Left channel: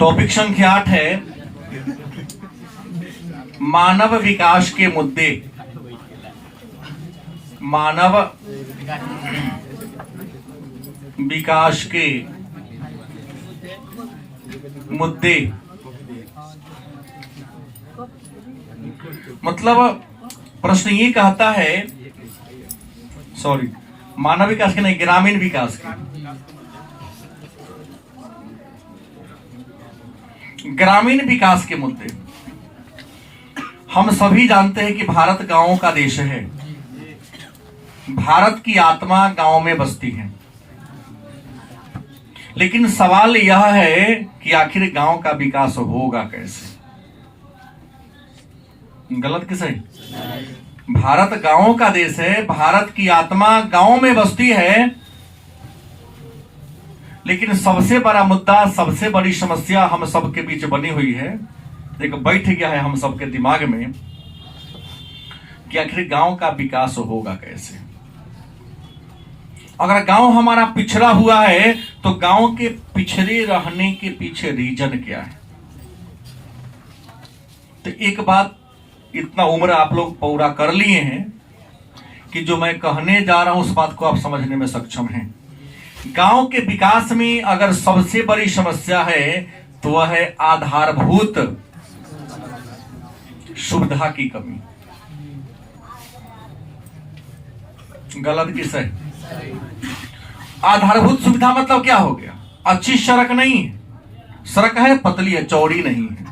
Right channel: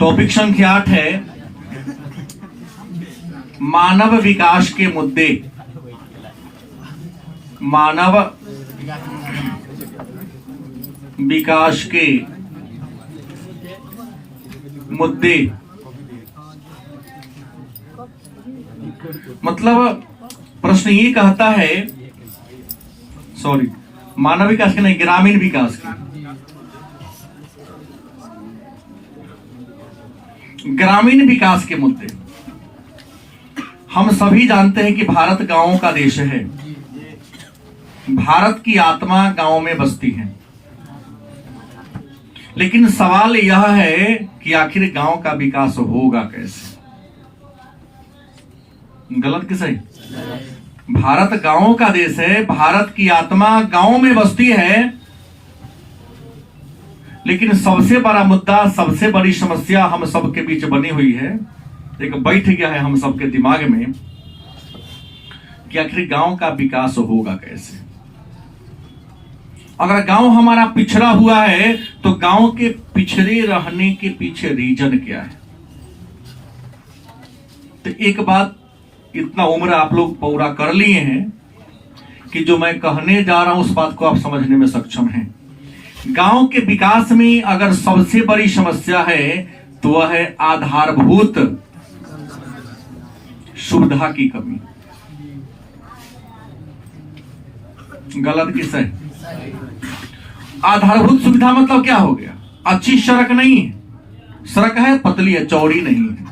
Topic संख्या 8 है मानव विकास के मुद्दे। मानव विकास के मुद्दे मतलब प्रश्न ये कहता है, सॉरी, मानव विकास के नहीं, ग्रामीण विकास के। ग्रामीण विकास के मुद्दे। हम सभी जानते हैं कि भारत गांवों का देश है। भारत की आत्मा गांव में बसती है। लेकिन सवाल यह है कि आखिर गांव का विकास होगा कैसे? गलत कि सही? भारत गांवों का देश है, भारत की आत्मा गांव में बसती है। लेकिन सबसे बड़ा मुद्दा, सबसे बड़ी समस्या हम सबके बीच बनी हुई है, एक बैठ गया है हम सबके दिमाग में कि आखिर गांव का विकास होगा कैसे। अगर गांव हमारा पिछड़ा हुआ है तो गांव के पिछड़े रहने के पीछे रीजन क्या है? तो एक बात, इतना उम्र आप लोग पूरा कर लिए हैं कि जो मैं कहने जा रहा हूं उस बात को आप समझने में सक्षम हैं। गांव के विकास में अगर सबसे बड़ी समस्या है तो वह है आधारभूत सुविधा की कमी। गलत कि सही? आधारभूत सुविधा मतलब क्या हो गया? अच्छी सड़क नहीं है, सड़क है पतली है, चौड़ी नहीं है।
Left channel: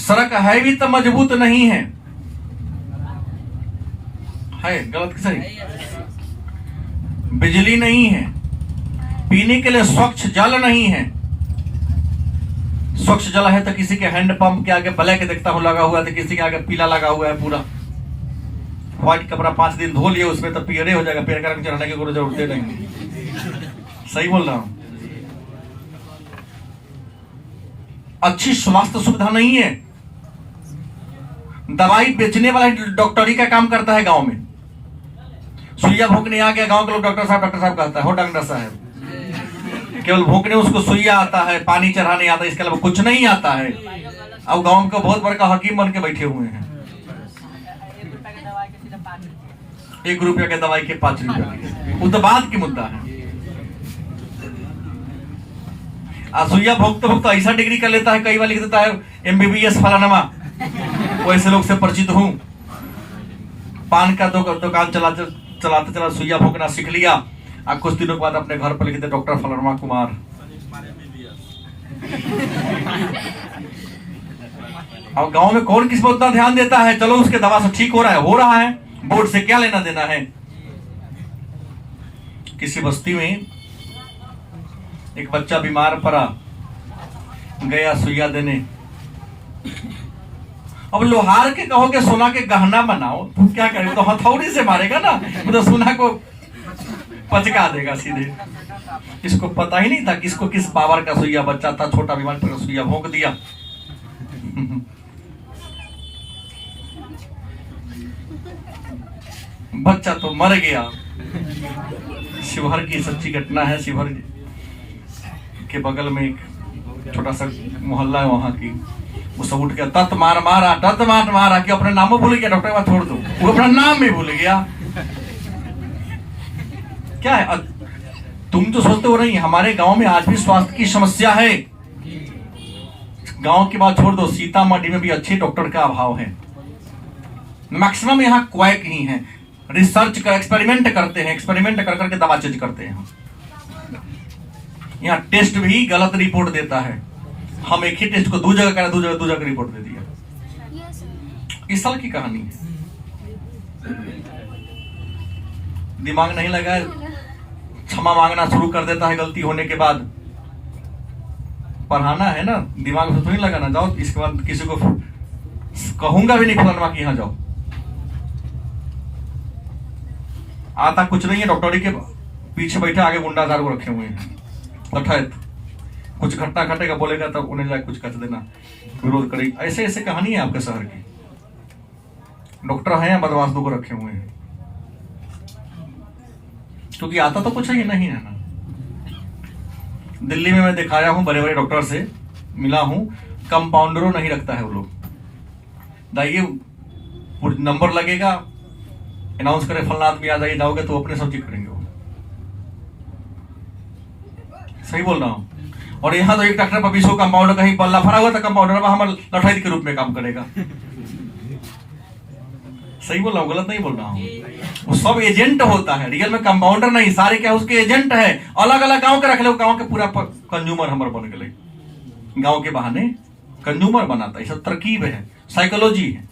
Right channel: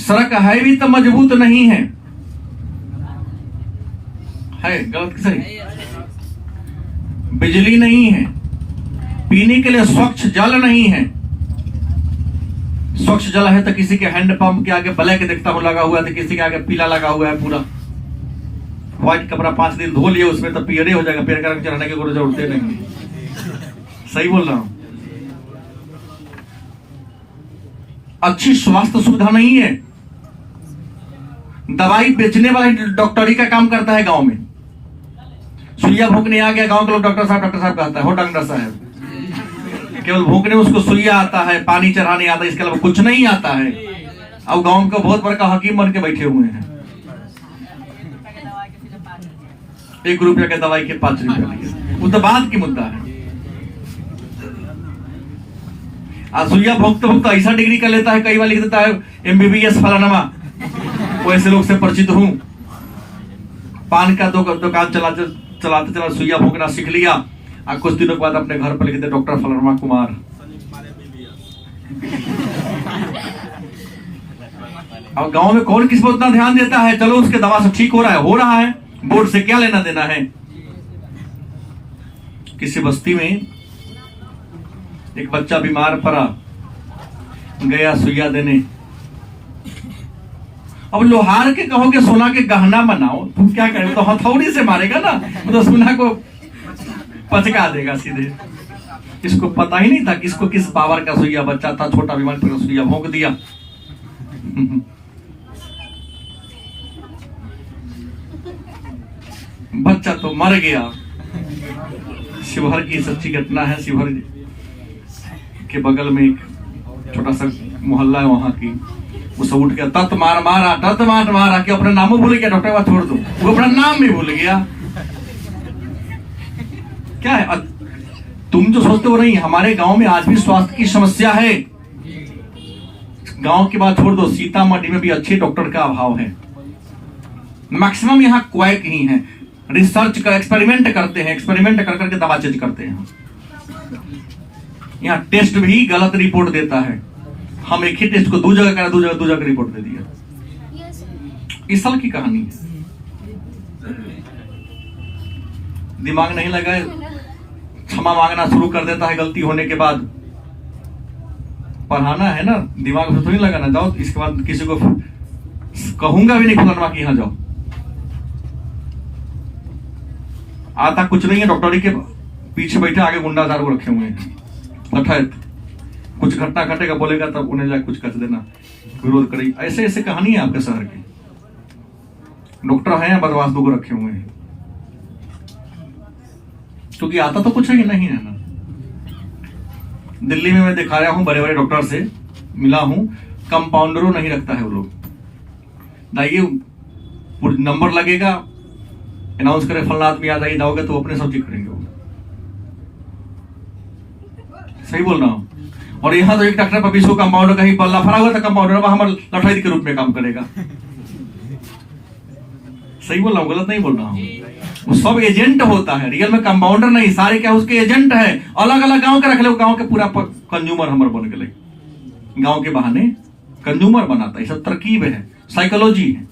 सड़क है भी तो मजबूत नहीं है। गलत कि सही? बिजली नहीं है, पीने के लिए स्वच्छ जल नहीं है। स्वच्छ जल है तो किसी के हैंडपंप के आगे ब्लैक देखता हूं लगा हुआ है, तो किसी के आगे पीला लगा हुआ है। पूरा व्हाइट कपड़ा 5 दिन धो लिए उसमें तो पीले हो जाएगा, पेड़ का रंग चढ़ाने की कोई जरूरत नहीं। सही बोल रहा हूं? अच्छी स्वास्थ्य सुविधा नहीं है। दवाई बेचने वाला डॉक्टरी का काम करता है गांव में। सुइया भूखने आ गया, गांव के लोग डॉक्टर साहब कहता है, हो डॉक्टर साहब। केवल भूखने उसको सुइया आता है, पानी चढ़ाने आता है, इसके अलावा कुछ नहीं आता है। और गांव का बहुत बड़ा हकीम बन के बैठे हुए हैं। 1 रुपया के दवाई के 5 रुपया, वो तो बात की मुद्दा है। सुइया भोगते भोगते ऐसा डिग्री कर लेता है, कई बार लिख देता है MBBS फलानमा। वैसे लोग से परिचित हूं। पान का दुकान चलाते सुइया भोगना सीख लिया, और कुछ दिनों के बाद अपने घर पर लिखते डॉक्टर फलानमा कुमार। अब गांव में कौन किस पर उतना ध्यान देता है? चलो उसके दवा से ठीक हो रहा है, बोर्ड से क्या लेना देना है। किसी बस्ती में एक बच्चा बीमार पड़ा, गया सुइया देने। अब लोहार के कहोगे सोना के गहना बनाओ, तुम क्या करें? तो हथौड़ी से मारेगा ना, तो सोना को पचका देगा सीधे। इसको पता ही नहीं था किसको किस पावर का सुइया, बच्चा था छोटा, बीमार पर सुइया भोंक दिया। बच्चा तो मर गया। शिवहर की सच्ची घटना है। शिवहर के बगल में एक छोटा सा मोहल्ला है, वहां की वो सब उठ गया, तत मारा कि अपना नाम भूल गया। डॉक्टर बात छोड़ दो, वो अपना नाम भी भूल गया। क्या है? तुम जो सोचते हो नहीं, हमारे गांव में आज भी स्वास्थ्य की समस्या है। गांव की बात छोड़ दो, सीतामढ़ी में भी अच्छे डॉक्टर का अभाव है। मैक्सिमम यहाँ क्वैक ही है, रिसर्च का एक्सपेरिमेंट करते हैं, एक्सपेरिमेंट कर करके दवा चेंज करते हैं। यहाँ टेस्ट भी गलत रिपोर्ट देता है। हम एक ही टेस्ट को 2 जगह करा, 2 जगह रिपोर्ट दे दिया। इस साल की कहानी है। दिमाग नहीं लगा, क्षमा मांगना शुरू कर देता है गलती होने के बाद। पढ़ाना है ना, दिमाग से थोड़ी लगाना। जाओ, इसके बाद किसी को कहूंगा भी नहीं फलाना कि यहां जाओ। आता कुछ नहीं है, डॉक्टरी के पीछे बैठे आगे गुंडाजार को रखे हुए हैं। कुछ घटना घटेगा बोलेगा तब उन्हें जाके कुछ कर देना, विरोध करेगी। ऐसे ऐसे कहानी है आपके शहर की। डॉक्टर हैं, बदमाश को रखे हुए हैं, क्योंकि आता तो कुछ ही नहीं है ना। दिल्ली में मैं दिखाया हूं, बड़े बड़े डॉक्टर से मिला हूं, कंपाउंडरों नहीं रखता है वो लोग। दाइए नंबर लगेगा, अनाउंस करे फलना आदमी आ जाइए, जाओगे तो अपने सब चेक करेंगे वो। सही बोल रहा हूं। और यहाँ तो एक डॉक्टर पर 20 कंपाउंडर का ही पल्ला फरा हुआ था, कंपाउंडर हमारे लठैत के रूप में काम करेगा। सही बोल रहा हूँ, गलत नहीं बोल रहा हूँ। वो सब एजेंट होता है, रियल में कंपाउंडर नहीं, सारे क्या उसके एजेंट है। अलग अलग गांव के रख ले, गांव के पूरा कंज्यूमर हमारे बन गए, गांव के बहाने कंज्यूमर बनाता है। सब तरकीब है, साइकोलॉजी है।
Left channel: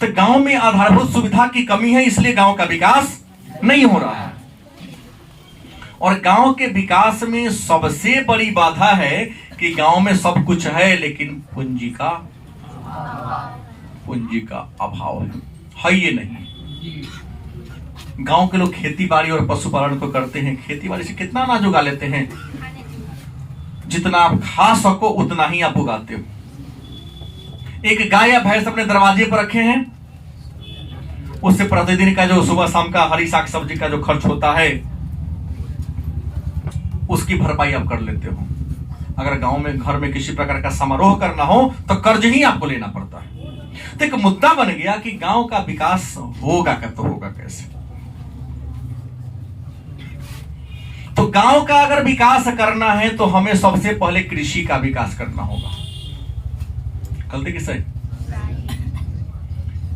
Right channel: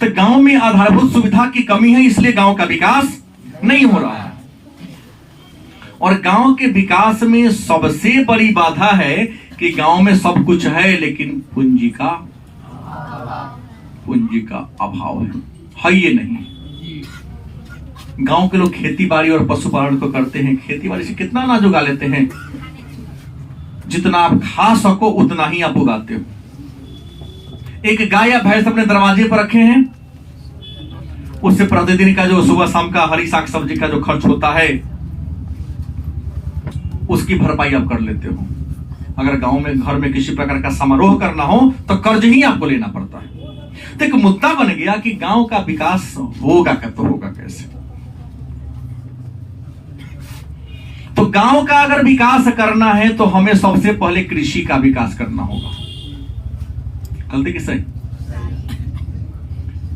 तो गांव में आधारभूत सुविधा की कमी है, इसलिए गांव का विकास नहीं हो रहा है। और गांव के विकास में सबसे बड़ी बाधा है कि गांव में सब कुछ है लेकिन पूंजी का अभाव है ये नहीं। गांव के लोग खेती बाड़ी और पशुपालन को करते हैं, खेती बाड़ी से कितना अनाज उगा लेते हैं, जितना आप खा सको उतना ही आप उगाते हो। एक गाय या भैंस अपने दरवाजे पर रखे हैं, उससे प्रतिदिन का जो सुबह शाम का हरी साग सब्जी का जो खर्च होता है उसकी भरपाई आप कर लेते हो। अगर गांव में घर में किसी प्रकार का समारोह करना हो तो कर्ज ही आपको लेना पड़ता है। तो एक मुद्दा बन गया कि गांव का विकास होगा तो होगा कैसे। तो गांव का अगर विकास करना है तो हमें सबसे पहले कृषि का विकास करना होगा। गलती किससे?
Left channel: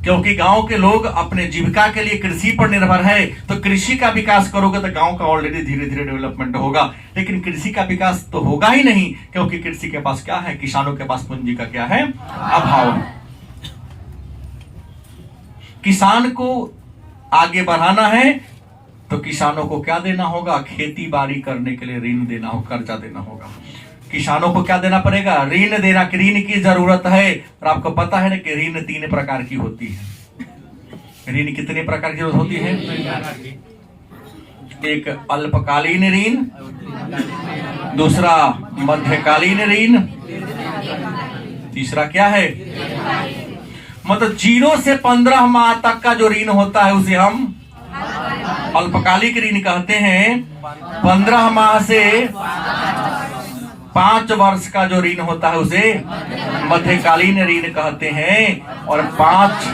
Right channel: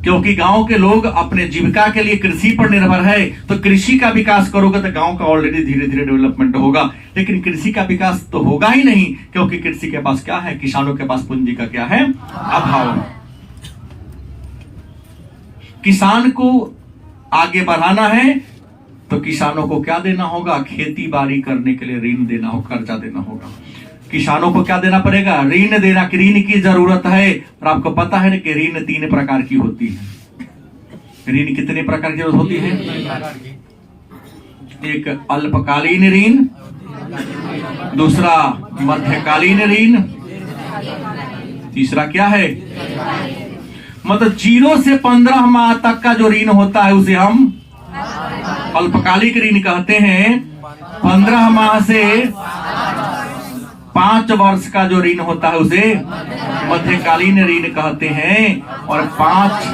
क्योंकि गांव के लोग अपने जीविका के लिए कृषि पर निर्भर है। तो कृषि का विकास करोगे तो गांव का ऑलरेडी धीरे धीरे डेवलपमेंट होगा। लेकिन कृषि का विकास तो होगा ही नहीं, क्योंकि कृषि के पास क्या है, किसानों के पास पूंजी का क्या है, अभाव है। किसान को आगे बढ़ाना है तो किसानों को क्या देना होगा, खेती बाड़ी करने के लिए ऋण देना होगा, कर्जा देना होगा। किसानों को क्या देना पड़ेगा, ऋण देना। ऋण की जरूरत है। और आपको पता है ना कि ऋण 3 प्रकार की होती है। ऋण कितने प्रकार की जरूरत होती है? एक अल्पकालीन ऋण, दूसरा मध्यकालीन ऋण, तीसरा क्या है, मतलब 0 से 15 माह तक का जो ऋण होता है उसे हम अल्पकालिक ऋण कहते हैं। 15 माह से 5 वर्ष का जो ऋण होता है उसे मध्यकालीन ऋण कहते हैं। और 5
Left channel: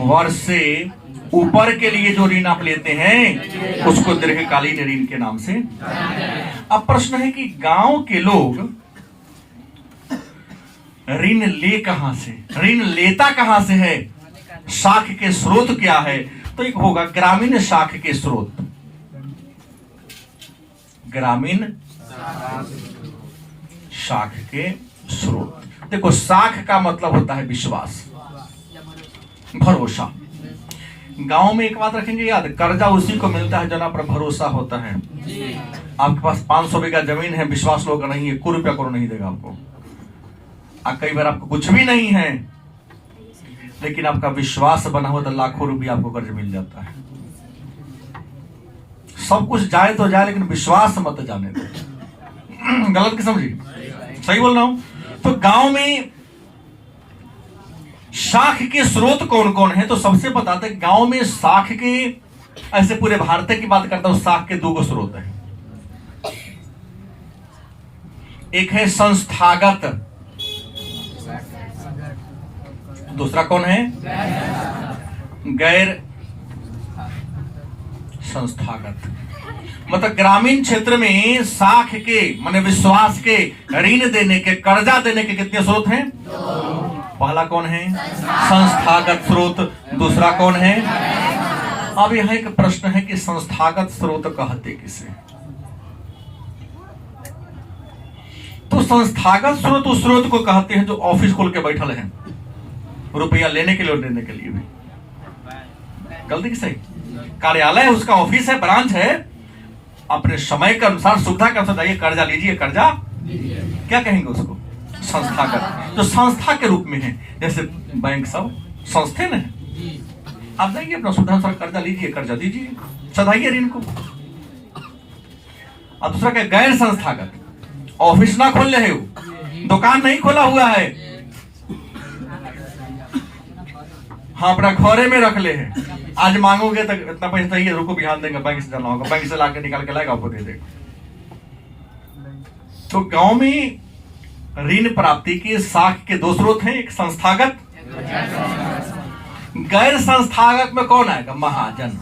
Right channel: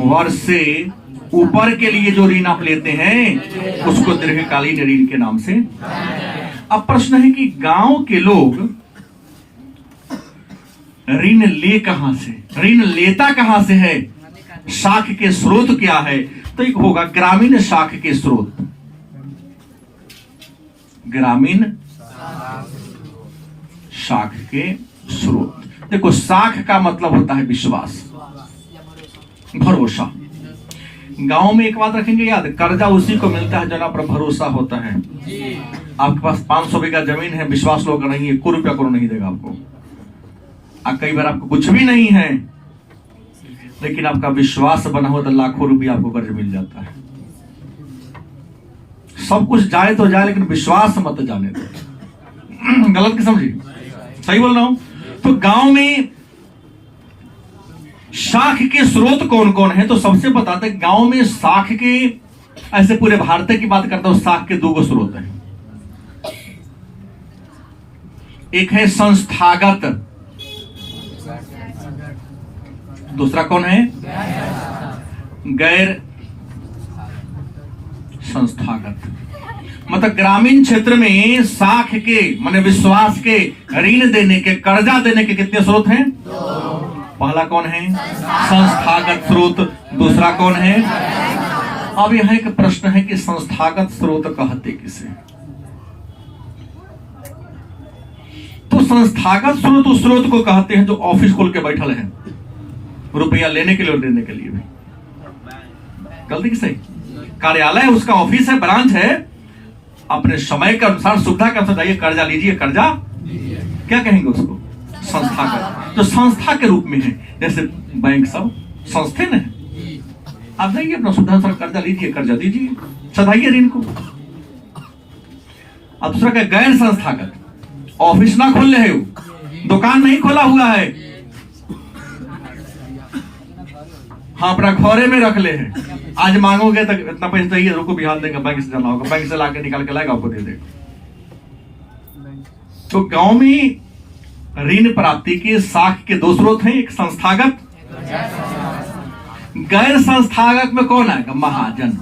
वर्ष से ऊपर के लिए जो ऋण आप लेते हैं उसको दीर्घकालीन ऋण के नाम से। अब प्रश्न है कि गांव के लोग ऋण ले कहां से, ऋण लेता कहां से है, शाख के स्रोत क्या है? तो एक होगा ग्रामीण शाख के स्रोत। ग्रामीण शाख के स्रोत। देखो, शाख का मतलब होता है विश्वास, भरोसा। गांव में एक बात रखेंगे याद, कर्जा उसी को मिलता है जना पर भरोसा होता है। आपके पास 500 बीघा जमीन है, विश्वास लोग नहीं है, 1 रुपया को नहीं देगा आपको। कई बार आपको कुछ भी नहीं है लेकिन आपका विश्वास बना हो तो लाखों रुपया आपको कर्ज मिल जाता है। सब कुछ जाए तो जाए लेकिन विश्वास मत जाने दो। गलत की समझी? सही बोल रहा हूं? तो गांव में शाख के स्रोत कौन कौन है? तो सबसे बताते हैं गांव में शाख के, ऐसे पूरे भारत की बात करता हूं, शाख के 2 स्रोत हैं। एक है संस्थागत, दूसरा कौन है, गैर संस्थागत। मतलब ग्रामीण क्षेत्र में शाख के माने विश्वास के, ऋण देने के, कर्जा देने के कितने स्रोत हैं? 2। पहला कौन है? संस्थागत स्रोत। दूसरा कौन है? अब यहां एक प्रश्न है कि संस्थागत स्रोत कहते किसे? तो संस्थागत स्रोत उस स्रोत को कहते हैं जो ऑफिस खोल के बैठल है, रुपया लेने के लिए और देने के लिए भी। गलती की सही? कार्यालय उसका ऑफिस है, ब्रांच है, अपने समय के अनुसार, सुविधा के अनुसार जाइए, कर्जा लीजिए, कर्जा क्या कहेंगे उसको? संस्थागत। तो संस्था के रूप में है, जैसे बैंक सब संस्थे न है। आप जाइए अपना सुविधा अनुसार कर्जा लीजिए, कर्जा दीजिए, सधाइए ऋण को। अब दूसरा क्या, गैर संस्थागत। ऑफिस ना खोल रहे हो, दुकान नहीं खोला हुआ है, हाँ अपना घरे में रख ले है। आज मांगोगे तो इतना पैसा चाहिए, रुको बिहार देंगे, बैंक से जमा होगा, बैंक से लाके निकाल के लाएगा, आपको दे देगा। तो गांव में ऋण प्राप्ति के साख के दो स्रोत हैं, एक संस्थागत, गैर संस्थागत में कौन आएगा? महाजन।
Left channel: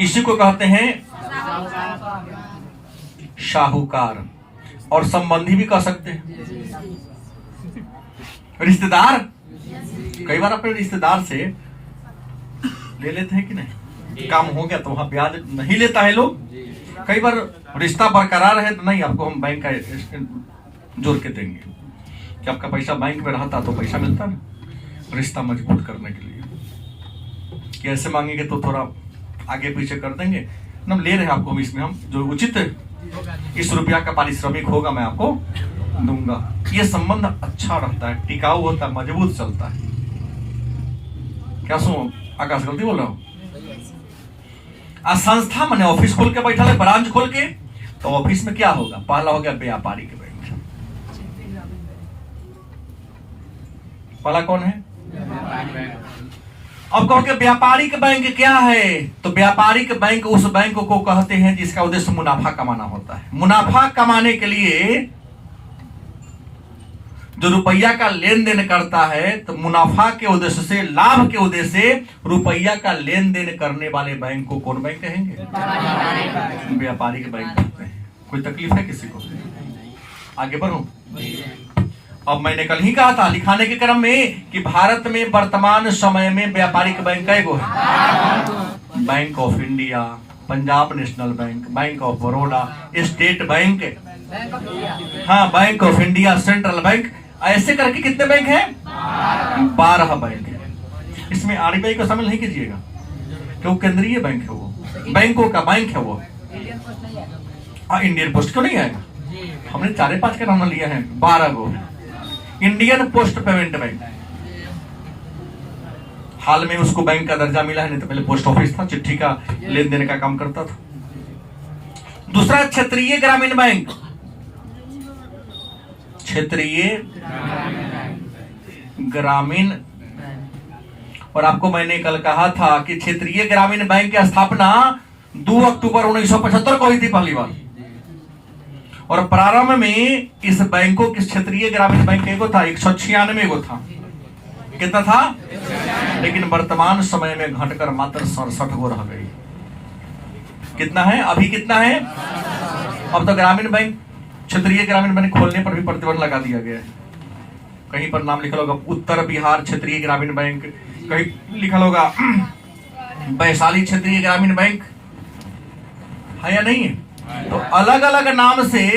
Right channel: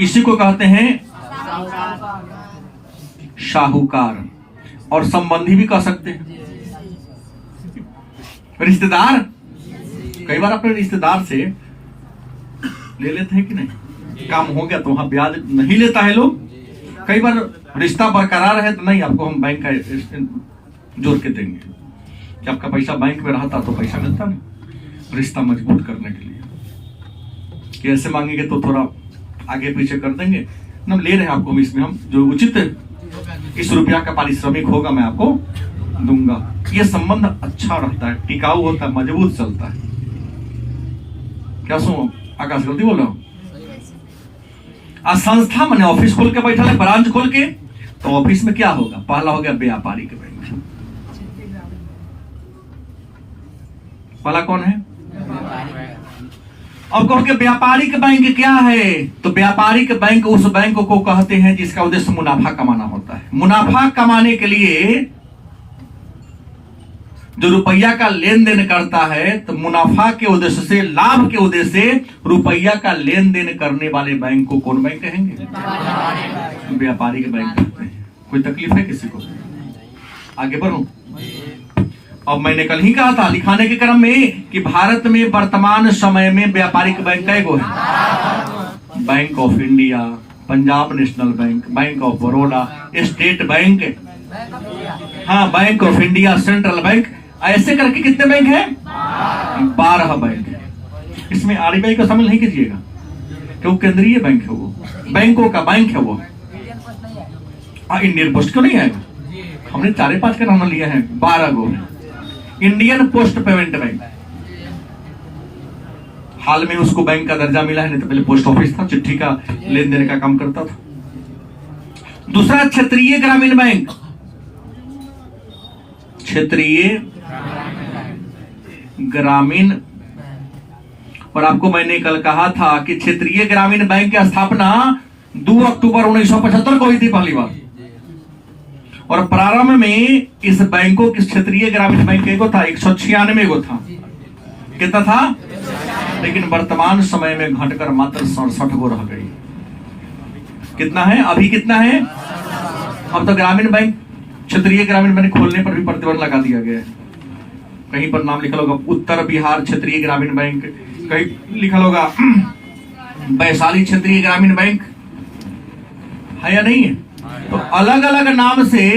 इसी को कहते हैं शाहूकार, और संबंधी भी कह सकते हैं, रिश्तेदार। कई बार अपने रिश्तेदार से ले लेते हैं कि नहीं, काम हो गया तो वहां ब्याज नहीं लेता है लोग। कई बार रिश्ता बरकरार है तो नहीं, आपको हम बैंक का जोड़ के देंगे कि आपका पैसा बैंक में रहता तो पैसा मिलता ना, रिश्ता मजबूत करने के लिए। कि ऐसे मांगेंगे तो थोड़ा आगे पीछे कर देंगे, हम ले रहे हैं आपको, इसमें हम जो उचित इस रुपया का पारिश्रमिक होगा मैं आपको दूंगा। ये संबंध अच्छा रहता है, टिकाऊ होता है, मजबूत चलता है। क्या सुनो आकाश, गलती बोल रहा हूं? संस्था मैंने ऑफिस खोल के बैठा है, ब्रांच खोल के, तो ऑफिस में क्या होगा? पहला हो गया व्यापारिक बैंक। पहला कौन है? अब कहोगे व्यापारिक बैंक क्या है? तो व्यापारिक बैंक उस बैंक को कहते हैं जिसका उद्देश्य मुनाफा कमाना होता है। मुनाफा कमाने के लिए जो रुपया का लेन देन करता है, तो मुनाफा के उद्देश्य से, लाभ के उद्देश्य से रुपया का लेन देन करने वाले बैंक को कौन बैंक कहेंगे? व्यापारिक बैंक कहते हैं। कोई तकलीफ है किसी को? आगे बढ़ो। अब मैंने कल ही कहा था लिखाने के क्रम में कि भारत में वर्तमान समय में व्यापारिक बैंक कैगो है? Bank of India, Punjab national bank, bank of Baroda, state bank, हाँ bank of India, central bank, ऐसे करके कितने बैंक हैं? 12 बैंक है। इसमें आरबीआई को शामिल नहीं कीजिएगा क्योंकि केंद्रीय बैंक है, वो बैंकों का बैंक है वो। इंडियन पोस्ट क्यों नहीं आएगा? हमने 4-5 का नाम लिया है, 12 गो। इंडियन पोस्ट पेमेंट बैंक, हाल में उसको बैंक का दर्जा मिला है, नहीं तो पहले पोस्ट ऑफिस था, चिट्ठी का लेन देन का काम करता था। दूसरा क्षेत्रीय ग्रामीण बैंक, क्षेत्रीय ग्रामीण। और आपको मैंने कल कहा था कि क्षेत्रीय ग्रामीण बैंक की स्थापना 2 अक्टूबर 1975 को हुई थी पहली बार, और प्रारंभ में इस बैंकों के क्षेत्रीय ग्रामीण बैंक को था 196 को था। कितना था? लेकिन वर्तमान समय में घटकर मात्र 67 को रह गई। कितना है अभी? कितना है अब? तो ग्रामीण बैंक, क्षेत्रीय ग्रामीण बैंक खोलने पर भी प्रतिबंध लगा दिया गया है। कहीं पर नाम लिखा होगा उत्तर बिहार क्षेत्रीय ग्रामीण बैंक, कहीं लिखा होगा वैशाली क्षेत्रीय ग्रामीण बैंक, है या नहीं है? तो अलग अलग नाम से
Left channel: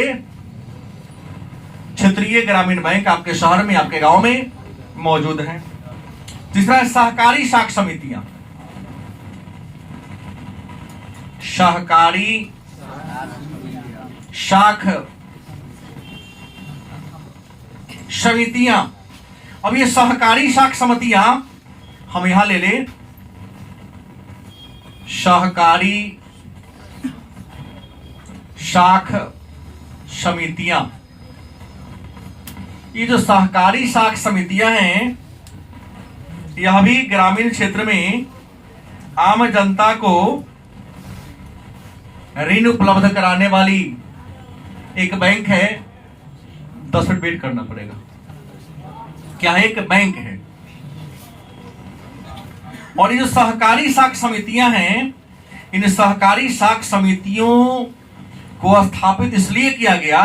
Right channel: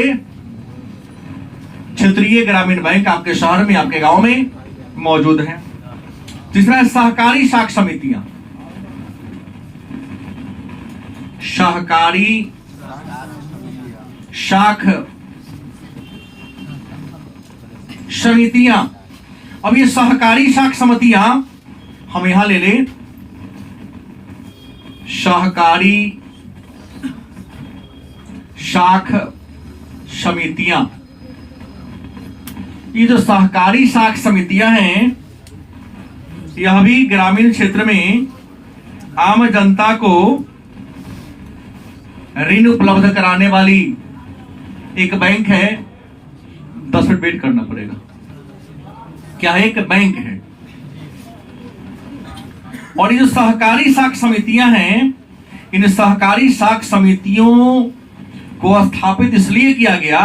क्षेत्रीय ग्रामीण बैंक आपके शहर में, आपके गांव में मौजूद है। तीसरा है सहकारी शाख समितियां। सहकारी शाख समितियां। अब ये सहकारी शाख समितियां हम यहां ले लें, सहकारी शाख समितियां। ये जो सहकारी शाख समितियां हैं, यह भी ग्रामीण क्षेत्र में आम जनता को ऋण उपलब्ध कराने वाली एक बैंक है। 10 मिनट वेट करना पड़ेगा। क्या है? एक बैंक है। और ये जो सहकारी शाख समितियां हैं, इन सहकारी शाख समितियों को स्थापित इसलिए किया गया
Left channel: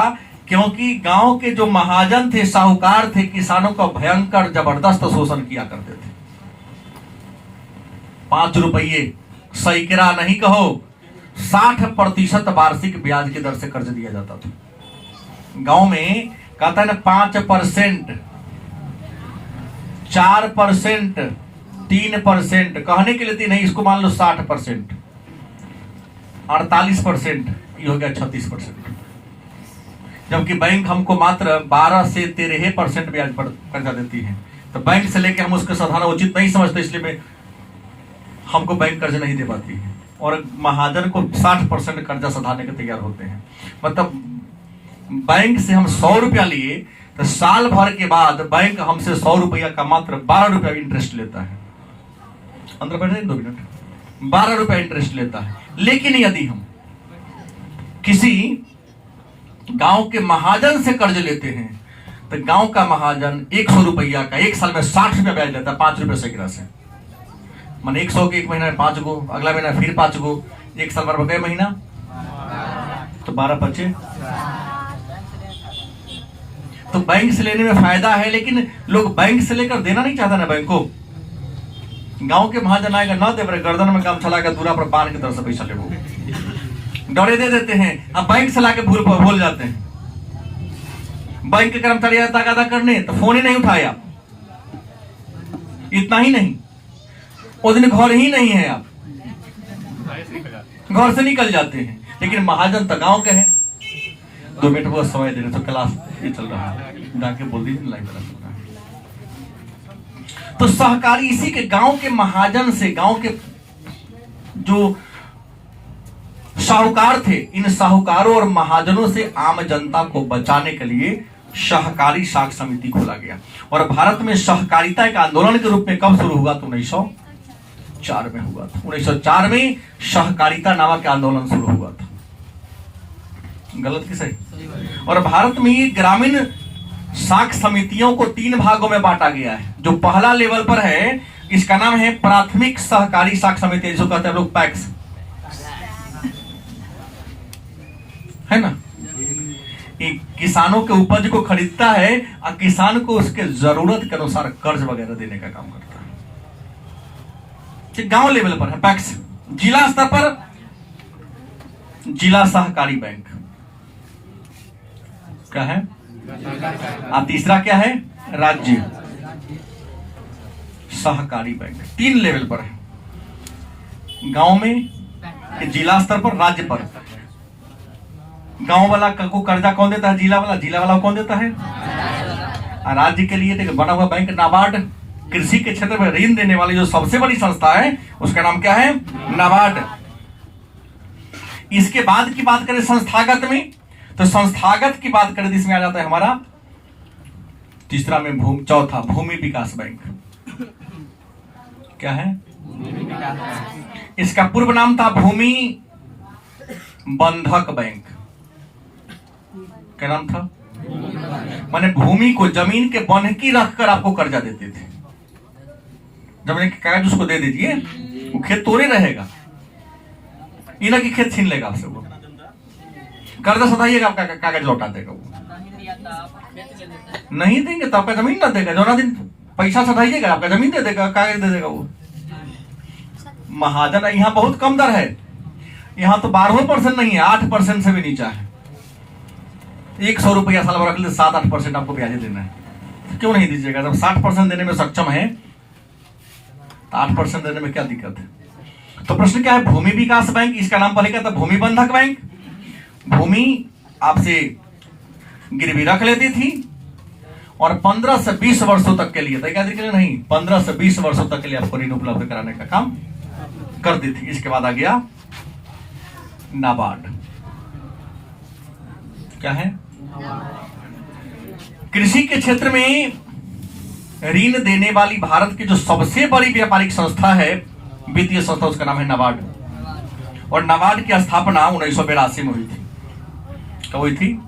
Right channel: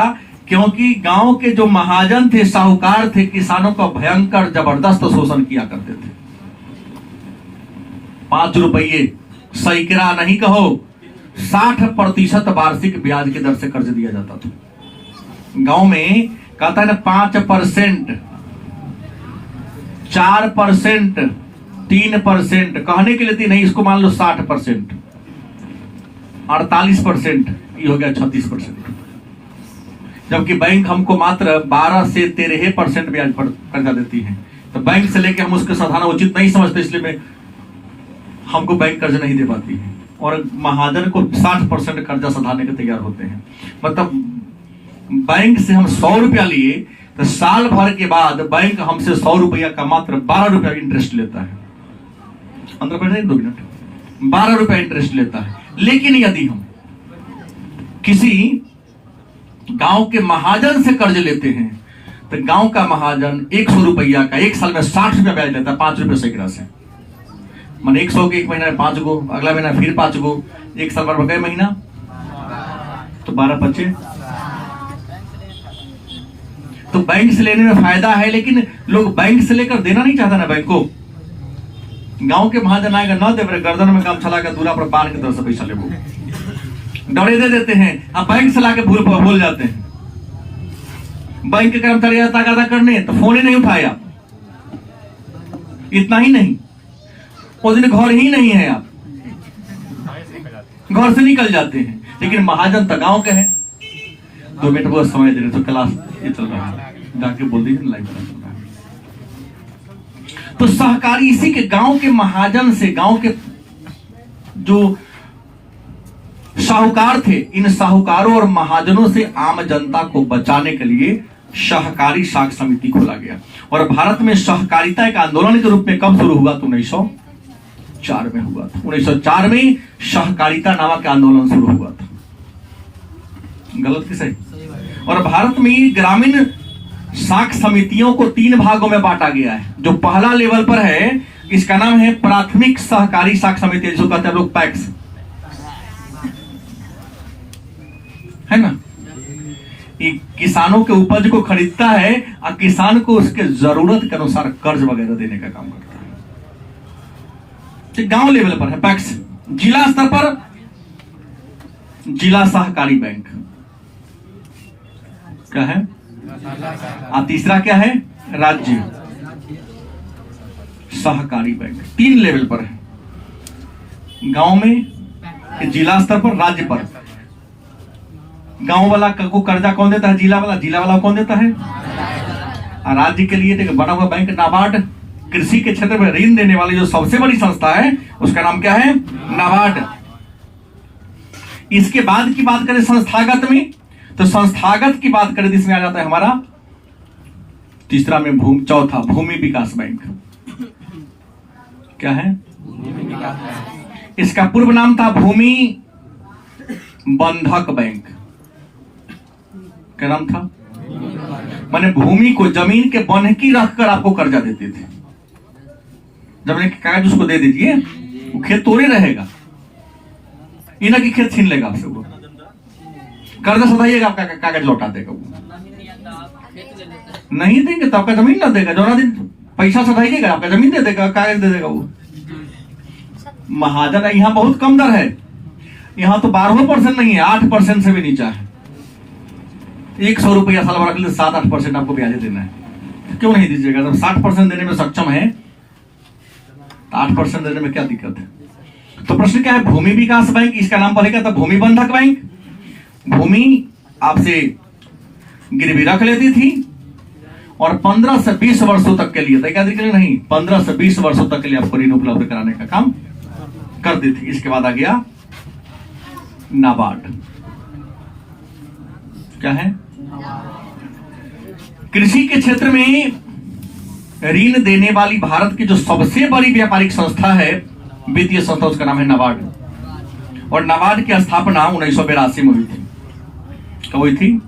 क्योंकि गांव के जो महाजन थे, साहूकार थे, किसानों का भयंकर जबरदस्त शोषण किया करते थे। 5 रुपये सैकड़ा नहीं कहो, 60% वार्षिक ब्याज की दर से कर्ज दिया जाता था। गांव में कहता है ना 5%, 4%, 3%, कहने के लिए थी नहीं, इसको मान लो 60%, 48%, ये हो गया 36%। जबकि बैंक हमको मात्र 12 से 13% ब्याज पर कर्जा देती है। तो बैंक से लेके हम उसको साधारण उचित नहीं समझते, इसलिए हमको बैंक कर्ज नहीं दे पाती है, और महाजन को 60% कर्जा सधाने के तैयार होते हैं। मतलब बैंक से हम 100 रुपया लिए तो साल भर के बाद बैंक हमसे 100 रुपया का मात्र 12 रुपया इंटरेस्ट लेता है। 2 मिनट 12 रुपया इंटरेस्ट लेता है। लेकिन यदि हम किसी गांव के महाजन से कर्ज लेते हैं तो गांव का महाजन 100 रुपया का एक साल में 60 रुपया ब्याज देता है, 5 रुपये सैकड़ा से। मान 100 के एक महीना में 5 गो, अगला महीना फिर 5 गो, एक साल भर कई महीना तो 12 बचे। तो बैंक से लेने में फायदा है, लेकिन लोग बैंक से लेकर देना नहीं चाहता ना बैंक को। गांव के महाजन आएगा ना दे, गर्दन में काम चला कर दूरा पर बांध की तरफ से पैसा ले, वो डरे दे देते हैं। अब बैंक से लाके भूल जाते हैं। बैंक के कर्मचारी आता करने तो फोन ही नहीं उठाया। इतना ही नहीं, उस दिन घर ही नहीं है, आप घर से निकल जाते हैं। लेकिन महाजन तो गांव के है। 2 मिनट बहुत समय दे रहे तो क्लास ये चल रहा है, जाके बोल दी लाइव चल रहा है। तो सहकारी इसी के गांव के महाजन से, गांव के जो साहूकार थे, इन साहूकारों और महाजनों से आम जनता को बचाने के लिए सहकारी साख समिति खोला गया। और भारत में सहकारिता एक आंदोलन के रूप में कब शुरू हुआ? तो 1904 में हुआ था। 1904 में सहकारिता नामक आंदोलन शुरू हुआ था। गलत की सही? और भारत में ग्रामीण साख समितियों को 3 भागों में बांटा गया है। जो पहला लेवल पर है, इसका नाम है प्राथमिक सहकारी साख समिति, जिसको कहते हैं लोग पैक्स, है ना। किसानों के उपज को खरीदता है और किसान को उसके जरूरत के अनुसार कर्ज वगैरह देने का काम करता है। गांव लेवल पर है पैक्स। जिला स्तर पर जिला सहकारी बैंक क्या है, और तीसरा क्या है? राज्य सहकारी बैंक। 3 लेवल पर है, गांव में, जिला स्तर पर, राज्य पर। गांव वाला को कर्जा कौन देता है? जिला वाला कौन देता है? राज्य के लिए बना हुआ बैंक नाबार्ड। कृषि के क्षेत्र में ऋण देने वाली जो सबसे बड़ी संस्था है उसका नाम क्या है? नाबार्ड। इसके बाद की बात करें संस्थागत में, तो संस्थागत की बात करें इसमें आ जाता है हमारा तीसरा में चौथा भूमि विकास बैंक। क्या है? इसका पूर्व नाम था भूमि बंधक बैंक। क्या नाम था? माने भूमि को, जमीन के बंधकी रखकर आपको कर्जा देते थे। जमीन के कागज उसको दे दीजिए, वो खेत तोड़े रहेगा, इना की खेत छीन लेगा आपसे। वो कर्जा सधाइएगा, आपका कागज लौटा देगा। वो नहीं देंगे तो आपका जमीन ना देगा। जो ना दिन पैसा सधाइएगा, आपका जमीन दे देगा, कागज दे देगा। वो महाजन यहाँ बहुत कम दर है। यहाँ तो 12% नहीं है, 8% से भी नीचा है। 100 रुपया साल भर के लिए 7-8% आपको ब्याज देना है। क्यों नहीं दीजिएगा? जब 60% देने में सक्षम है तो 8% देने में क्या दिक्कत है? तो प्रश्न क्या है? भूमि विकास बैंक, इसका नाम पहले क्या था? भूमि बंधक बैंक। भूमि आपसे गिरवी रख लेती थी और 15 से 20 वर्षों तक के लिए, के लिए नहीं, 15 से 20 वर्षों तक के लिए आपको ऋण उपलब्ध कराने का काम करती थी। इसके बाद आ गया नाबार्ड। क्या है? कृषि के क्षेत्र में ऋण देने वाली भारत की जो सबसे बड़ी व्यापारिक संस्था है, वित्तीय संस्था, उसका नाम है नाबार्ड। और नाबार्ड की स्थापना 1982 में हुई थी। कब हुई थी?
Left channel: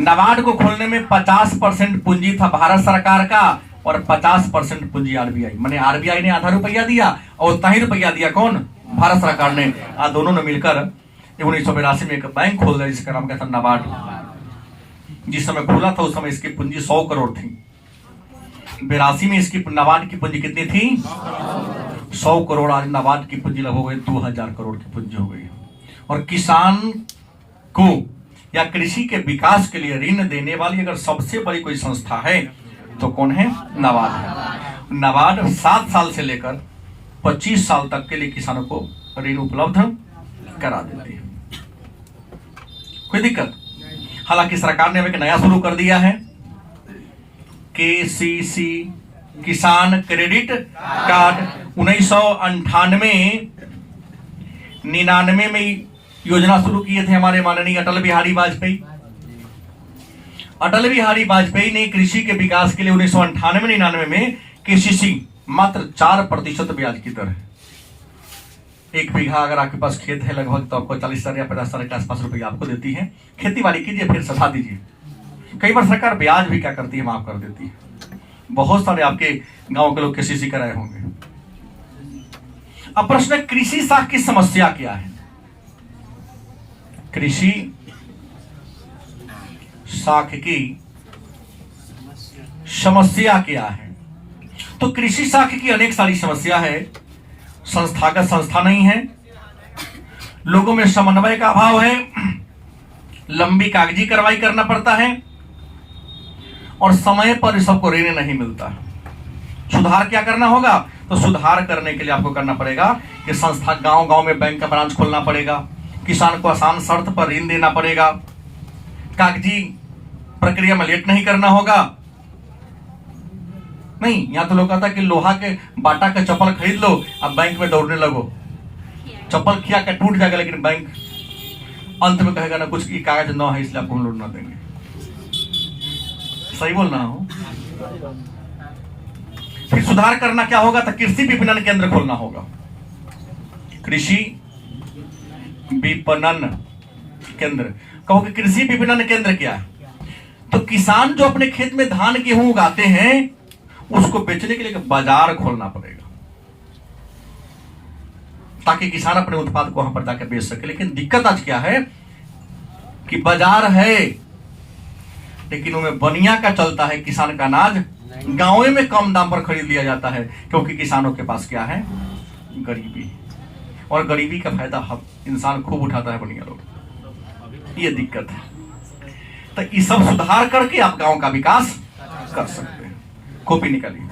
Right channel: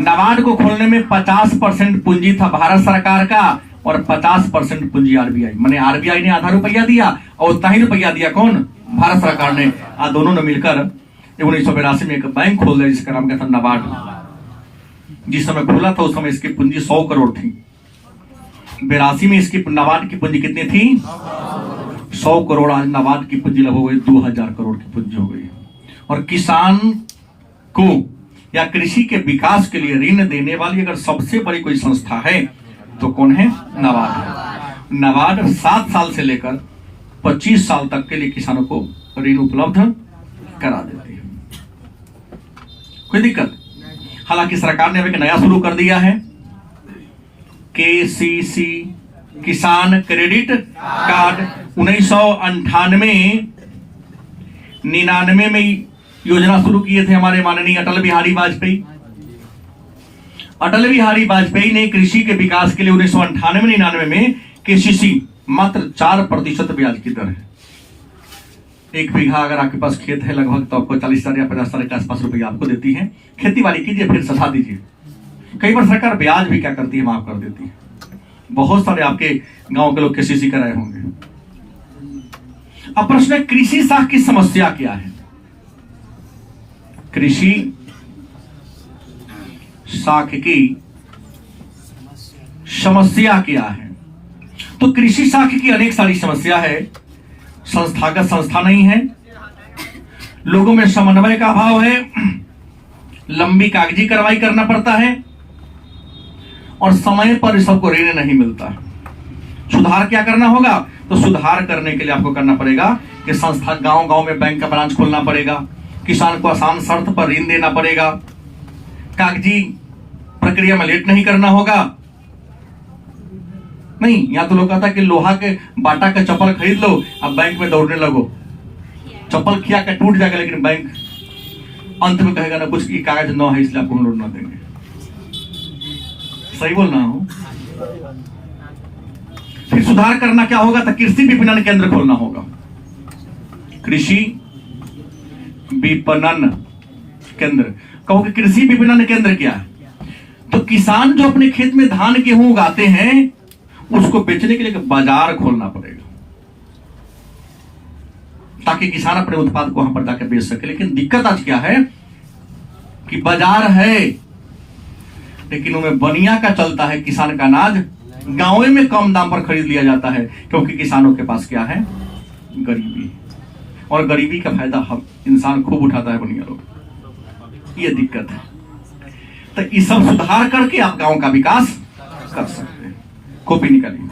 नाबार्ड को खोलने में 50% पूंजी था भारत सरकार का और 50% पूंजी आरबीआई। माने आरबीआई ने आधा रुपया दिया और उतना ही रुपया दिया कौन? भारत सरकार ने। दोनों ने मिलकर 1982 में एक बैंक खोल दिया जिसका नाम क्या था? नाबार्ड। जिस समय खोला था उस समय इसकी पूंजी 100 करोड़ थी। 82 में इसकी नाबार्ड की पूंजी कितनी थी? 100 करोड़। आज नाबार्ड की पूंजी लगभग 2000 करोड़ की पूंजी हो गई। और किसान को या कृषि के विकास के लिए ऋण देने वाली अगर सबसे बड़ी कोई संस्था है तो कौन है? नाबार्ड। नाबार्ड 7 साल से लेकर 25 साल तक के लिए किसानों को ऋण उपलब्ध करा देती है। कोई दिक्कत? हालांकि सरकार ने एक नया शुरू कर दिया है, KCC, किसान क्रेडिट कार्ड। 1999 में योजना शुरू किए थे हमारे माननीय अटल बिहारी वाजपेयी। अटल बिहारी वाजपेयी ने कृषि के विकास के लिए 1998-99 में KCC मात्र 4% ब्याज की दर है। 1 बीघा अगर आपके पास खेत है लगभग, तो आपको 40,000 या 50,000 के आसपास रुपया आपको देती है। खेती बाड़ी कीजिए, फिर सधा दीजिए। कई बार सरकार ब्याज भी क्या करती है, माफ कर देती है। बहुत सारे आपके गांव के लोग केसीसी कराए होंगे। अब प्रश्न है, कृषि साख की समस्या क्या है? कृषि साख की समस्या क्या है? तो कृषि साख की अनेक सारी समस्या है। संस्थागत संस्था नहीं है, लोगों में समन्वय का अभाव है, लंबी कागजी कार्रवाई करना पड़ता है, और समय पर सबको ऋण नहीं मिलता। सुधार क्या करना होगा? तो सुधार करने के लिए आपको करना पड़ेगा कि संस्था गांव गांव में बैंक का ब्रांच खोलना पड़ेगा, किसान को आसान शर्त पर ऋण देना पड़ेगा, कागजी प्रक्रिया में लेट नहीं करना होगा। नहीं, यहां तो लोग कहता है कि लोहा के बाटा का चप्पल खरीद लो, अब बैंक में दौड़ने लगो, चप्पल खिया के टूट जाएगा, लेकिन बैंक अंत में कहेगा ना कुछ की कागज न है इसलिए आपको हम लोग ना देंगे। सही बोल रहा हूं? फिर सुधार करना क्या होगा? तो कृषि विपणन केंद्र खोलना होगा। कृषि विपणन केंद्र, कहो कि कृषि विपणन केंद्र क्या है? तो किसान जो अपने खेत में धान गेहूं उगाते हैं, उसको बेचने के लिए बाजार खोलना पड़ेगा, ताकि किसान अपने उत्पाद को वहां पर जाकर बेच सके। लेकिन दिक्कत आज क्या है कि बाजार है, लेकिन उनमें बनिया का चलता है, किसान का अनाज गांव में कम दाम पर खरीद लिया जाता है, क्योंकि किसानों के पास क्या है? गरीबी। और गरीबी का फायदा हम इंसान खूब उठाता है, बनिया लोग। ये दिक्कत है। तो ये सब सुधार करके आप गांव का विकास कर सकते हैं। कॉपी निकालिए।